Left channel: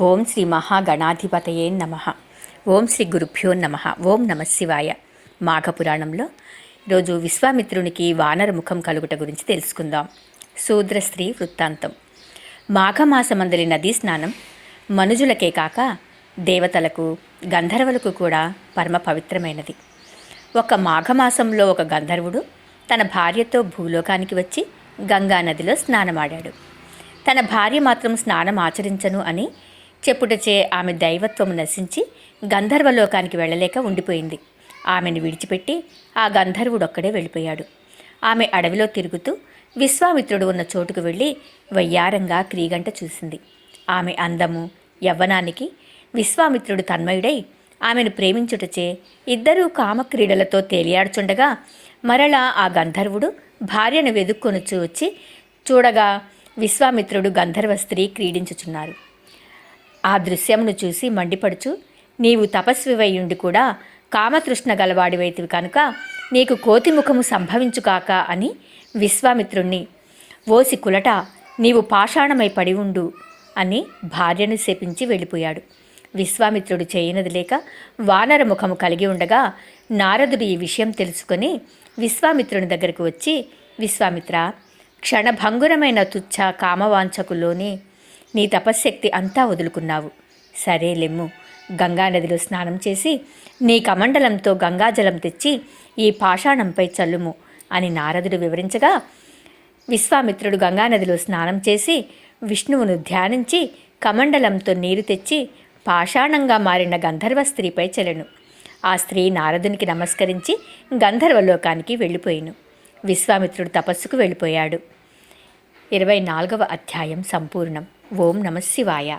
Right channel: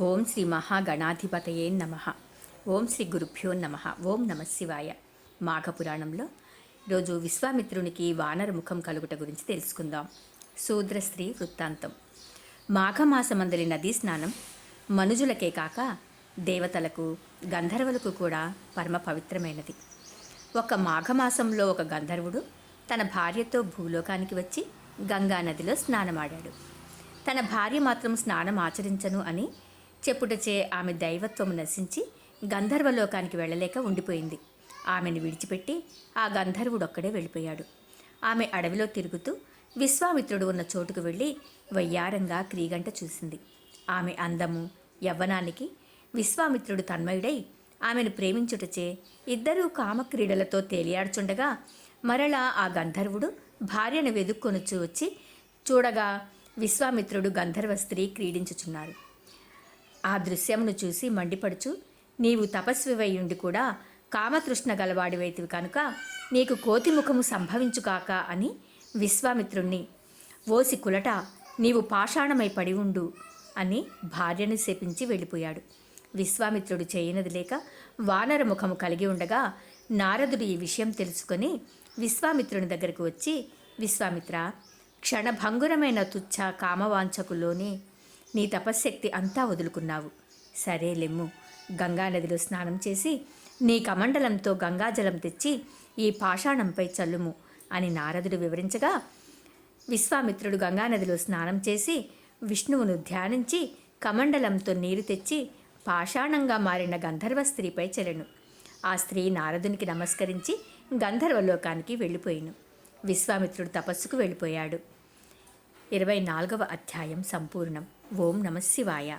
ఓం శ్రీ మహాగణాధిపతయే నమ. ఓం శ్రీ గురుభ్యో నమ. ఓం నమశివాయ మాఘపురాణంలో రోజు విశ్వామిత్రునికి వానర ముఖం కలుగుట గురించి తెలుసుకుందాం. శూద్ర స్త్రీ వృత్తాంతం. మాఘమాసమందలి నదీ స్నానం మనుజులకే కాక దేవతలకు గంధర్వులకు కూడా పరమ పవిత్రమైనది. ఒక మాఘమాసంలో ఒక గంధర్వుడు తన భార్యతో భూలోకానికి వచ్చి గంగా నదిలో స్నానమాడాడు. తన భార్య మాత్రం స్నానం ఆచరించను అని చెప్పుటచే ఆమె దైవత్వము నశించి గంధర్వలోకానికి వెళ్ళలేక ఉండిపోయింది. ఆమెను విడిచిపెట్టి ఆ గంధర్వుడొక్కడే వెళ్ళిపోయాడు. ఆమె అడవిలో తిరుగుతూ విశ్వామిత్రుడు ఉన్న చోటుకు వెళ్ళి వయ్యారంగా క్రీగంట చూసింది. ఆమె అందము యవ్వనానికి విశ్వామిత్రుడు తన్మయుడై ఆమెను ప్రేమించుటచే ఇద్దరూ కామక్రీడలతో తేలియాడుచుండగా మరలా ఆ గంధర్వుడు భార్యను వెదుక్కొనుచు వచ్చి చూడగా విశ్వామిత్రుడు గంధర్వ స్త్రీ క్రీడించుచున్నారు. ఆ దృశ్యమును చూసి మండిపడుచు నీవు తపస్వివయ్యుండి కూడా కామతృష్ణ గలవాడివైతివి కనుక నీకు కోతిముఖము సంభవించుకాక అని విశ్వామిత్రుణ్ణి ఓసి కులట నీవు పాషాణమై పడి ఉండు అని భార్యను శపించి వెళ్ళిపోయాడు. విశ్వామిత్రుడు చేయనది లేక వానర ముఖము కలిగి ఉండగా నారదుడు ఈ విషయం తెలుసుకొని విశ్వామిత్రుని దగ్గరకు వచ్చి విశ్వామిత్ర క్షణభంగురమైన తుచ్చ కామవాంఛకులోనే నీ తపశ్శక్తి అంతా వదులుకున్నావు. సరే లెమ్ము. గంగానదిలో స్నానం చేసి నీ కమండలంతో గంగాజలం తెచ్చి ఈ పాషాణంపై చల్లుము అని నారదుడు వివరించగా విశ్వామిత్రుడు గంగానదిలో స్నానం చేసి విష్ణువును ధ్యానించి కమండలంతో నీరు తెచ్చి పాషాణంగా మారిన గంధర్వ స్త్రీపై చెలెను. ఆ స్త్రీ నారదునికి నమస్కరించి గంధర్వలోకానికి వెళ్ళిపోయిను. విశ్వామిత్రుడు తపస్సుకు వెళ్ళిపోయాడు. ఇరవై నాలుగవ అధ్యాయం సంపూర్ణం. ఓం నమ శివాయ.